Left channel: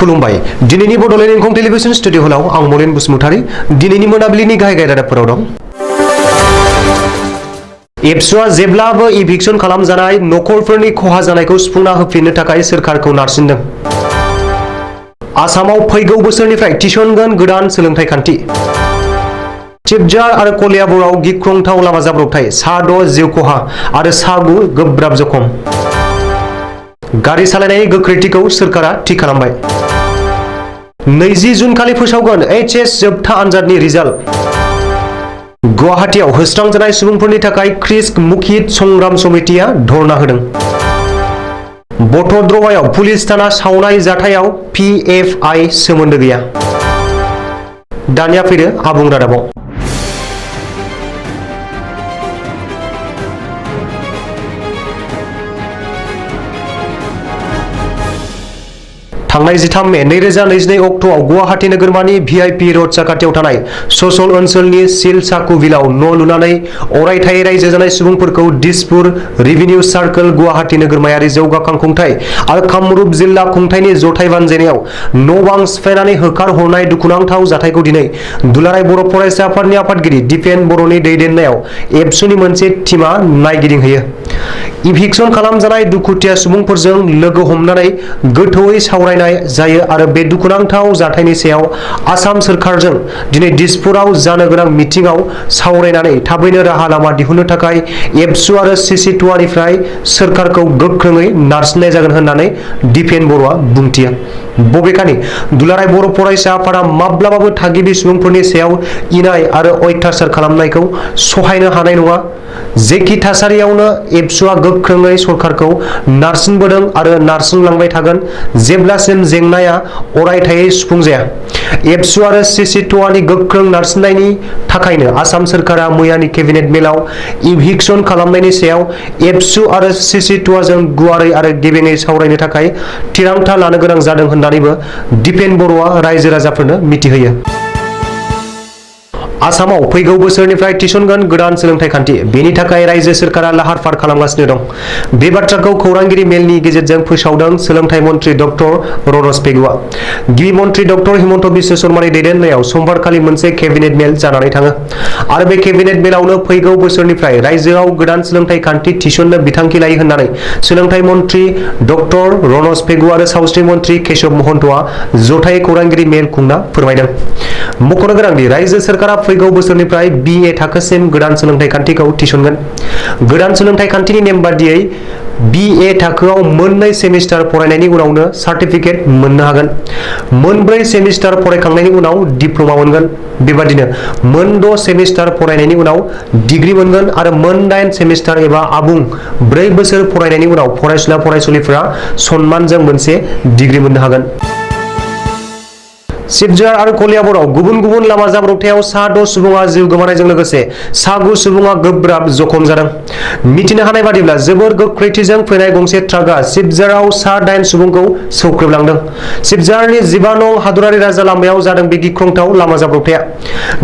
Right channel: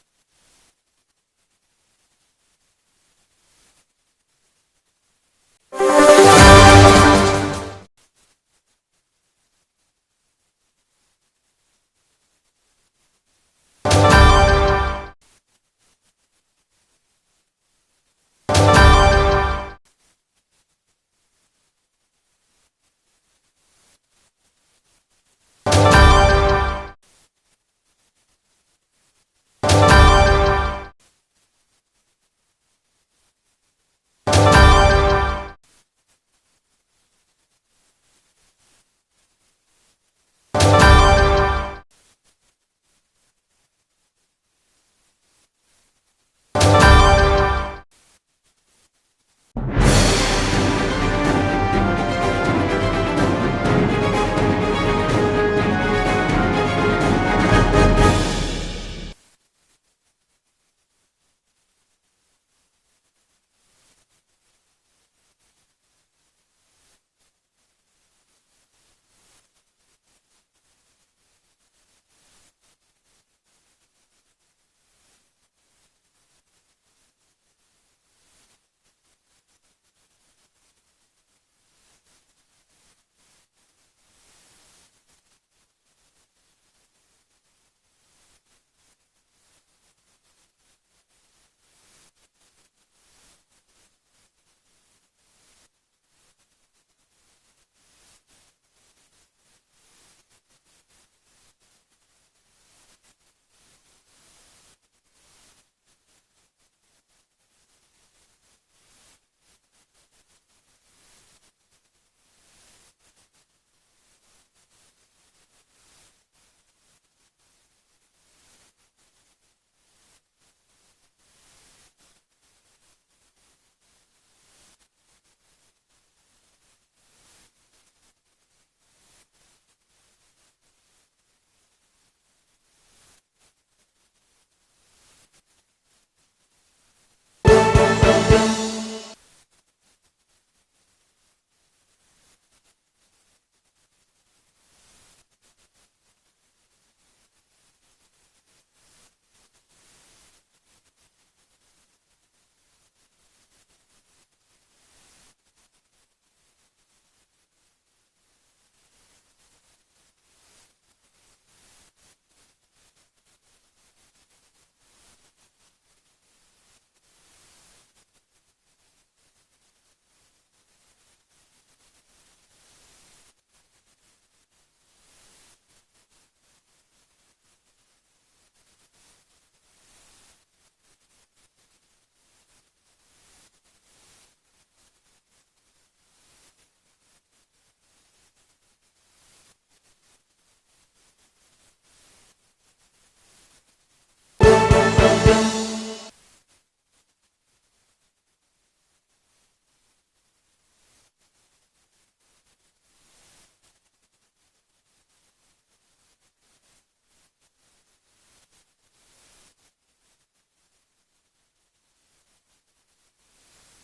खुलुमबाय दिनैनि Bodoland इंखं television studio हलाव आं मलेन बसुमतारी दिनैनि मोनाबिलिनि गाहाय रादाबफोराव दं। एबसुआ जेब्लाबो इभिक्सन खालामजानाय नखरफोरनि खहा जानायखौ सुफुंना होफिननो थाखाय सोरखारखौ नारसिनदों। आसामाव फैगौ बोसोरनिफ्राय थिसनगोन गोदान सोलोंथाइ खान्थि। सिबजार आरो कलियाबराव गिख्रंथाव लामा जाब्रबथाय, सा6 जिउ खहा आरो सा9 गोब्राब जखम। गारि सालायनायनि गोख्रैथिखौ सोरखारा थि खालामबाय। 20 जुन खालि फोसावगोन HS जोबथा आनजादनि रिजाल्ट। गुवाहाटीआव होस्रांजानाय सुबुंफोरनि थाखाय क्रिस्क मुखित संग्राम समितिया धरना होदों। बटद्रवायाव पुलिस थाना सावनाय जाथायाव PFI सोमोन्दो गैया। दानिया फैदो आबुं रादाबाव। थांनाय 13 मे 2022 अक्ट'आव गुवाहाटी नोगोरमानि VIP रड साखाथियाव थानाय ससल ओनसोलनि सिलसाकु बिलाव न' लुनानै अरायथायै रायजो जानाय सुबुंफोरखौ दिसपुर रेभिनिउ सार्कल गुवाहाटी नोगोरमायारि जौगाखां खुंथाय आरो कामरुप जिल्ला खुंथायनि जथाय बानजायनायाव न' बां सिफायनानै होखारहरनाय दुखुनांथाव जाथायखौ दिनै दुलाराय बर' फरायसा आफादनि आफादगिरि दिपेन बर'नि दैदेननायाव एबसुनि मोनसे टीमआ नायगिदिंहैयो। इभिक्सन खालामजानाय दुखुथिया सुबुंफोरजों लोगो हमनानै गोथौयै सावरायनाय जायो आरो बे दुखुनांथाव जाथायनि सायाव आसाम सोरखारजों दिनै दिसपुराव जानो गोनां मिटिंआव सावरायनानै थाबैनो राहा लामा दिहुननो थाखाय एबसु आरो CC2निफ्राय सोरखारखौ गोख्रोङै नारसिननाय जागोन होननानै दिपेन बर'आ बुंथियो। बबेखानि दुलाराय बर' फरायसा आफादा माब्लाबाबो थागिबि सुबुंफोरनि सायाव इनाय आरो अयथासार खालामनायखौ सहायनो हानाय नङा। जेखि थासारियावनो एबसुआ गोख्रोङै सरखारखौ नारसिनबोदों आरो नारसिनलांबाय थागोन जेब्लासिम जेंनाया अरायथायै सुफुंजाया। एबसु आरो CC2नि गोख्रों नारसिननायनि थाखायनो आसाम सोरखारा मैयानि केबिनेट मेलाव इभिक्सन खालामनायनि सायाव एबसु आरो CC2जों गुवारै आरो गेबेङै सावरायनो थाखाय थिरांथा लानो गोनां जादों होननानैबो दिपेन बर'आ रायजो राजाफोरनो मिथिहोयो। आसामाव फैगौ बोसोरनिफ्राय थिसनगोन गोदान सोलोंथाइ खान्थि, बेनि थाखाय रायजो सोरखारा लाहार फाहार खालामगासिनो दं। बे बाथ्राखौ खौरांगिरि मेलनि गेजेरजों फोसावदों सोलोंथाइ मन्थ्रि डक्टर रनज पेगुआ। गिबि मन्थ्रि डक्टर हिमन्त बिश्व शर्मानि दैदेननायाव समबारखालि मोनसे केबिनेट मेल जानानै थाङो आरो बे केबिनेट मेलावनो फैगौ बोसोरनिफ्राय रायजोआव गोदान सोलोंथाइ खान्थि थिसननो बिथांखि लायो होननानै सोलोंथाइ मन्थ्रि डक्टर रनज पेगु आरो सावस्रि मन्थ्रि केशब महन्तआ जथायै खौरांगिरि मेल खुंना फोरमायदों। मख'नो गोनांदि रायजो सोरखारा फैगौ बोसोरनिफ्राय BA थाखोसिम गोदान सोलोंथाइ खान्थिखौ थिसनगोन। गोदान सोलोंथाइ खान्थिनि नेम बादियै BA थाखोआव मोननै सेमिस्टार फरायनायनि उनावनो सार्टिफिकेट मोननो हागोन। मोनब्रै सेमिस्टार फरायखांनायनि उनाव डिप्ल'मा मोनगोन। बेबादिनो मोन6 सेमिस्टार फरायनायनि उनाव डिग्री मोनगोन आरो मोन8 सेमिस्टार एबा आबुं 4 बोसोर फरायनायनि उनाव फरायसुला फरायसुलिफोरा सन्मानजों मोनसे डिग्री मोननो हागोन। सिबजार आरो कलियाबराव गुबुन गुबुन लामा जाब्रबथायाव सा6 सुबुङा जिउ गोमानायजों लोगोसे सा9 सुबुङा गोब्राब जखम जादों। मिथिनो हानाय बादिब्ला जोबोर गोख्रैथिजों फैनाय गंसे ट्राकआ सिबजाराव सा8 सुबुंखौ सौख्रेबलांदों। सिबजारनि 15 नं हादरारि राजा लामायाव जादों बे गिख्रंथाव लामा जाब्रबथाया।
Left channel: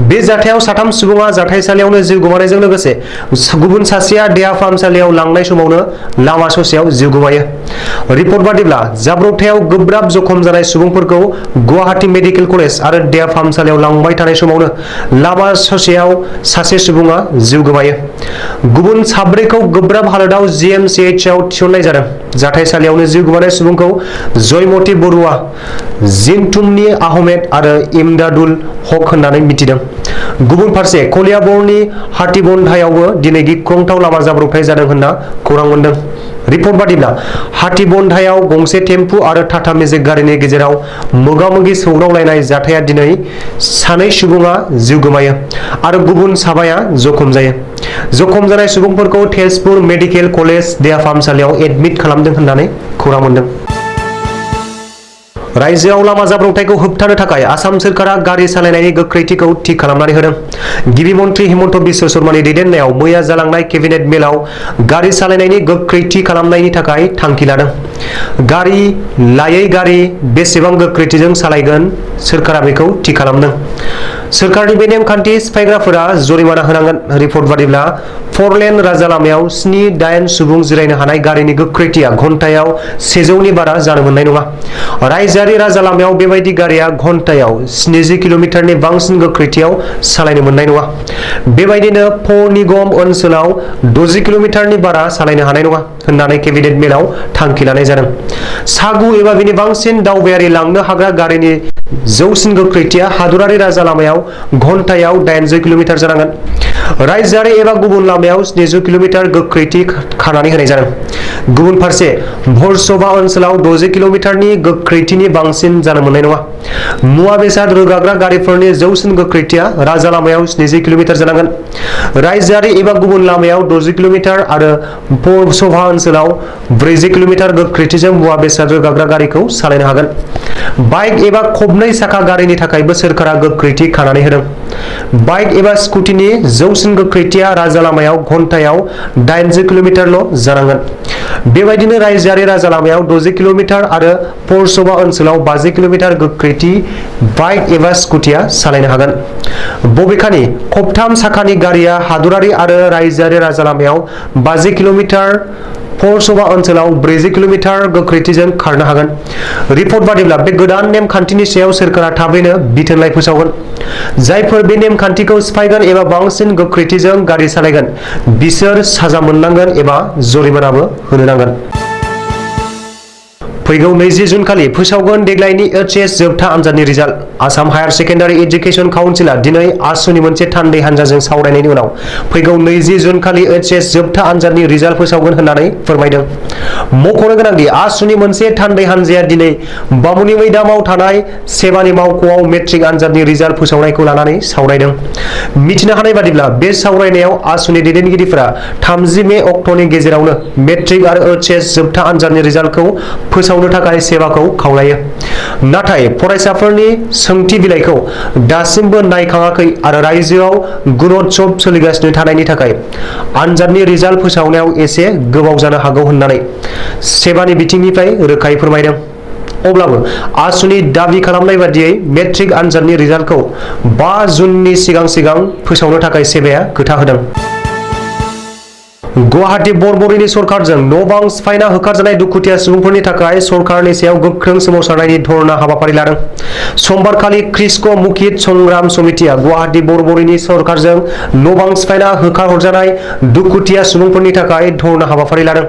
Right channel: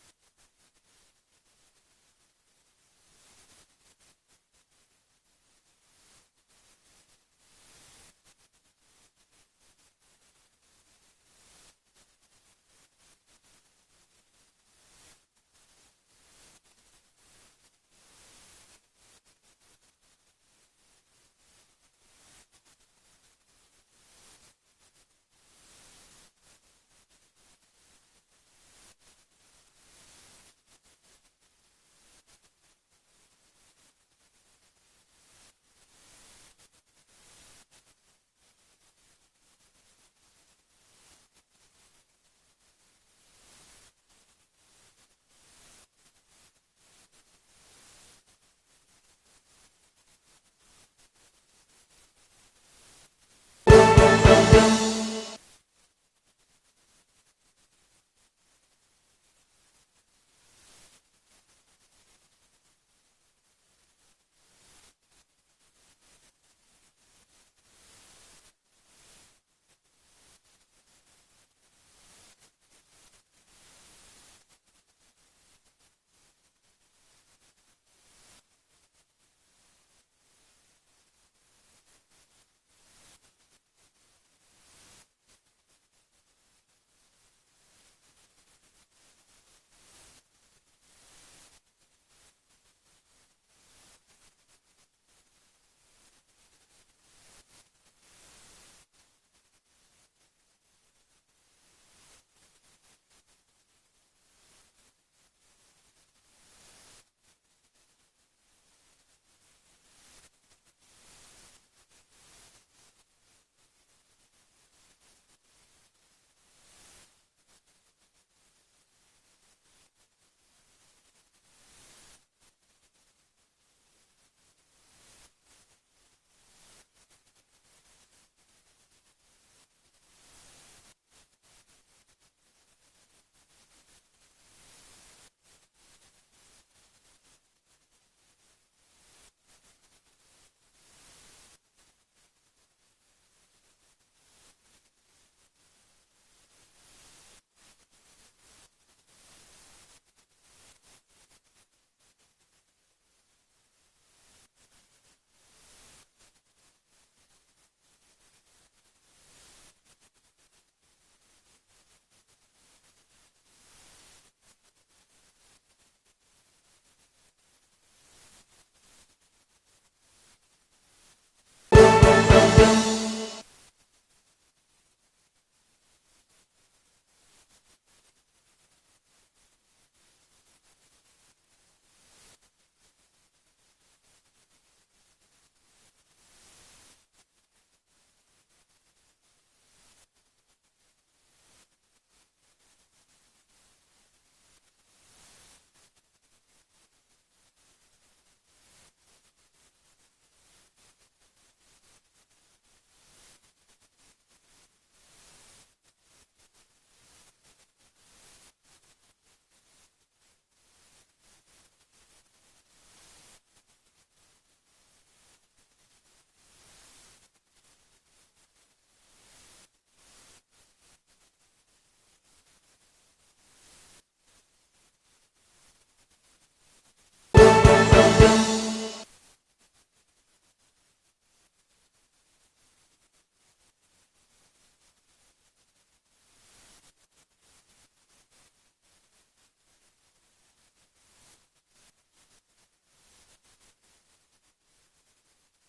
बे जाथायाव 3 सुबुङा जाथायसालियावनो जिउ गोमानायजों लोगोसे गुबुन सासेया देहा फाहामसालियाव लांनाय समावनो लामा ससेयाव जिउ गोमायो। रिपर्ट बादिब्ला जाब्रबथायाव गोब्राब जखम जानाय सुबुंफोरखौ गुवाहाटी मेडिकेल कलेज आरो देहा फाहामसालियाव लांबाय थानाय समावनो लामा ससेयाव सासे सुबुङा जिउ गोमायो। गुबुन 4खौ गोब्राब हालोदाव GMCH आव थिसननाय जादों। जाथायसालियावनो जिउ गोमानाय सुबुंखौ जयमती बरुवा, जिनथुमनि आहमेद आरो इमदादुल हक होननानै मिथिदों। गुबुन फारसे कलियाबरनि हातीबन्धायावबो दिनै गिख्रंथाव लामा जाब्रबथाय जादों होनना खौरां मोनदों। रिपर्ट बादिब्ला हातीबन्धायाव गंसे टेम्पु आरो टाटा मेजिक गारिनि गेजेराव मोगा-मोगि सौग्रावलायनाय जाथाया दिनै 2 सुबुङा जिउ गोमायो आरो गुबुन 7 जखम जायो। जखम जानाय सुबुंफोरखौ तेजपुर मेडिकेल कलेज देहा फाहामसालियाव एडमिट खालामदों होननानै खौरां मोनदों। रायजोआव लामा जाब्रबथायखौ होबथानो थाखाय आसाम सोरखारा गारि सालायनायनि गोख्रैथिखौ थि खालामनानै होदों। गिबि मन्थ्रि हिमन्त बिश्व शर्मानि दैदेननायाव मैया जालांनाय केबिनेट मेलाव गारि सालायनायनि गोख्रैथि खालामनायनि थाखाय थांखि लादों। गारि लायै गारि बेसेबां गोख्रैथिजों सालायगोन सोरखारा बेखौ थि खालामदों। सोरखारनि बे नेमखान्थि सिफायग्राफोरा जरिमाना होनांगोन। रिपर्ट बादिब्ला 4-लेन राजा लामायाव 7-8 सुबुं जिरायनो हानाय गारिनि गोख्रैथिया घन्टायाव 100 बारा जानो मोननाय नङा। रायजोआरि राजा लामायाव बेबायदि गारिया घन्टायाव 70 किल'मिटारनि बांसिन गोख्रैथियाव सालायनो मोननाय नङा। बेबायदिनो पौर निगम ओनसोलाव 60 किल'मिटारनि बारा सालायनो हानाय नङा होननानै केबिनेट मेलाव थांखि लानाय जादों। सागु एबा बिनि बांसिन दावबायारि लांनो हाग्रा गारिनि जौसिन गोख्रैथिया हादरारि राजा लामायाव घन्टायाव 80 किल'मिटार जानांगोन। रायजोआरि एबा गुबुन लामायाव 70 किल'मिटार गोख्रैथि खानानै होनाय जादों। गुबुन फारसे भर्सोवा ओनसोलाव 60 किल'मिटारनि गोख्रैथिनि बांसिन जानो मोननाय नङा। मुवा बेसाद रोगाग्रा गारिफोरनि जौसिन गोख्रैथिया राजा लामायाव 70 किल'मिटार जानांगोन। रायजोआरि एबा गुबुन लामायाव 60 किल'मिटार आरो भर्सोवा ओनसोलाव 40 किल'मिटार गोख्रैथिजों मुवा बेसाद रोगाग्रा गारिखौ सालायनो हागोन। बाइक एबा खबनै साखा गारिनि थाखायबो सोरखारा गोख्रैथि खानानै होदों। बाइक एबा स्कुटिनि जौसिन गोख्रैथिया राजा लामायाव घन्टायाव 80 किल'मिटारल' जानांगोन। बेबायदिनो रायजोआरि राजा लामायाव 60 किल'मिटार आरो भर्सोवा ओनसोलाव 50 किल'मिटार गोख्रैथि बाइक एबा स्कुटिया सालायनो हागोन। बबेखानि खबथाम साखानि गारिया हादरारि आरो रायजोआरि राजा लामायाव 50 किल'मिटार, भर्सोवा ओनसोलाव 40 किल'मिटार गोख्रैथिजों खारनो हागोन। रिपर्ट बादिब्ला बे गोदान नेमखान्थिनि सायाव सोरखारा थाबैनो बिथोनलाइ फोसावगोन। जायफोर बे नेमखान्थिखौ सिफायगोन एबा बांसिन गोख्रैथिजों गारि सालायगोन बिसोर साजा मोननांगोन एबा जरिमानाबो होनो नांगोन। फैगौ 20 जुन खालि फोसावगोन देग्लायनि एचएस जोबथा आनजादनि result. Assam higher secondary education काउन्सिलआ दिनै आसुनि मोनसे थान्दै हानजाजों सावरायनायनि उनाव फैगौ 20 जुन खालि एचएस जोबथा आनजादनि रिजाल्ट फोसावगोन होननानै फोरमायदों। मख'नो गोनांदि आसुनि मोनसे थान्दै हानजाया दिनै बामुनि मैदामाव थानाय सेबानि मावख'आव मेट्रिक आनजादनि रिजाल्ट फोसावनायखौ लानानै सावरायदों। मिथिनो हानाय बादिब्ला बे सावरायनायाव आसुनि दैदेनगिरिफोरा 30 मे अक्ट'नि गेजेरावनो मेट्रिक आरो एचएस जोबथा आनजादनि रिजाल्टखौ फोसावनो थाखाय सेबाखौ खावलायो। नाथाय फरायसाफोरनि सोंथि बिलाइखौ दासिमबो नायखाङाखै आरो रायजोआव गुणोत्सव सोलिगासिनो थानायनि थाखाय आनजादनि रिजाल्ट फोसावनायाव एसे गोबाव जानो हागौ होननानै सेबानि बिथिंनिफ्राय रोखायै फोरमायदों। अब्लाबो आसुनि दाबि खालामनाय बादियै मेट्रिक आनजादनि रिजाल्टखौ 5 जुननि सिगां फोसावनो थाखाय सेबाया खोथा होदों। गुवाहाटी बरबरिनि सरकारजों न' बां सिफायना होखारजानाय दुखुथिया सुबुंफोरनि थाखाय सरकारनि सायाव गोख्रों सोमावसारनायनि धरना हाबाफारि लादों। समबारखालि क्रिस्क' मुखित संग्राम समितिया गुवाहाटी बरबरिनि सरकारजों न' बां सिफायना होखारहरजानाय दुखुथिया सुबुंफोरनि थाखाय धरना हाबाफारि लादों।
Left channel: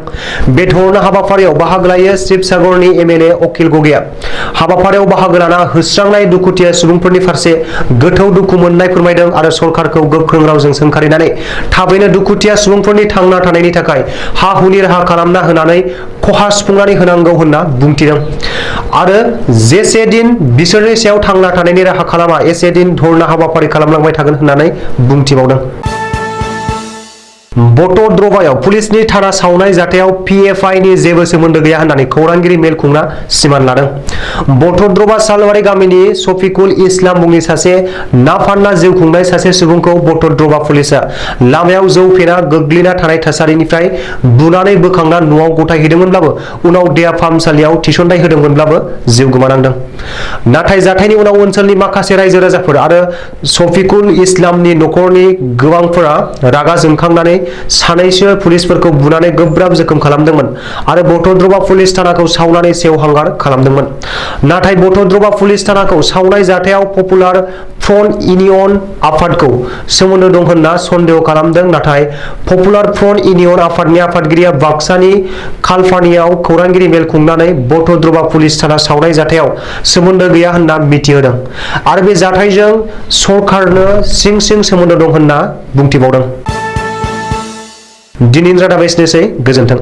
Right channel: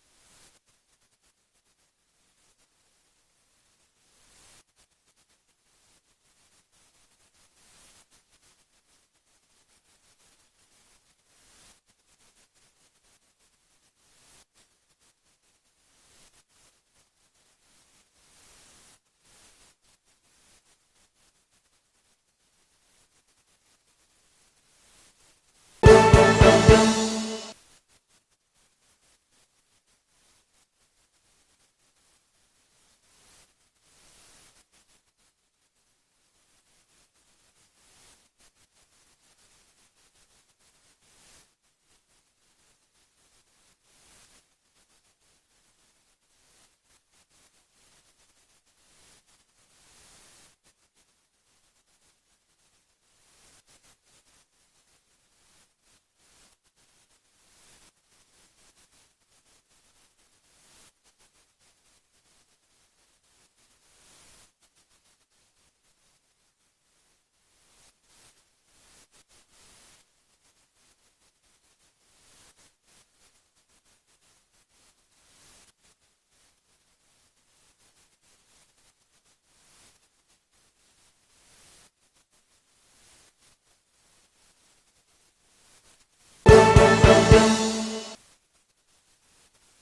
बे धरना हाबाफारियाव बाहागो लायो शिबसागरनि एमएलए अखिल गगैया। हाबाफारियाव बाहागो लाना होस्रांनाय दुखुथिया सुबुंफोरनि फारसे गोथौ दुखु मोननाय फोरमायदों आरो सरकारखौ गोख्रों रावजों सोंखारिनानै थाबैनो दुखुथिया सुबुंफोरनि थांना थानायनि थाखाय हा-हुनि राहा खालामना होनानै खहा सुफुंनानै होनांगौ होनना बुंथिदों आरो जेसे दिन बिसोरनि सायाव थांना थानायनि राहा खालामा एसे दिन धरना हाबाफारि खालामलांबाय थागोन होननानै बुंथिबावदों। बटद्रवायाव पुलिसनि थाना सावनाय जाथायाव पिएफआइनि जेबो सोमोन्दो गैया होननानै खौरांगिरि मेल खुंना सिमान लादों। बटद्रवा सालबारि गामिनि शफिकुल इस्लाम मुंनि सासे ना फानना जिउ खुंनाय सासे सुबुंखौ बटद्रवा पुलिसआ लामायाव जौ फेना गोग्लैना थानाय थासारिनिफ्राय बुनानै बोखांना न'आव गथायहैदोंमोनब्लाबो उनाव देहा फाहामसालियाव थिसनथाय होदोंमोनब्लाबो जिउ गोमानांदों। नाथाय जाथायनि उनाव ओनसोलनि माखासे रायजो राजाफोर आरो शफिकुल इस्लामनि न'खरनि गोबांफोरा रागा जोंखांनानै सानैसो पुलिसफोरखौ बुनानै गोब्राब जोखोम खालामदोंमोन आरो बटद्रवा पुलिस थानाखौ सावनानै सेवहांगार खालामदोंमोन। नाथाय बटद्रवा पुलिस थानाखौ सावनाय जाथायाव पपुलार फ्रन्ट इउनियन आफादखौ सोमोन्दो दं होनना सन्देह खालामदों। नाथाय पपुलार फ्रन्ट इउनियन आफादनि आफादगिरिया बाक्सानि खालपानियाव खौरांगिरि मेल खुंनानै बटद्रवा पुलिस थाना सावनाय जाथायाव सोमोन्दो गैया होनना मिथिहोदों आरो बे जाथायजों सरकारनो सिं सिं सोमोन्दो दं होनना बुंथिबावदों। दिनैनि रादाबा एसेनोसै। गोजोन्थों।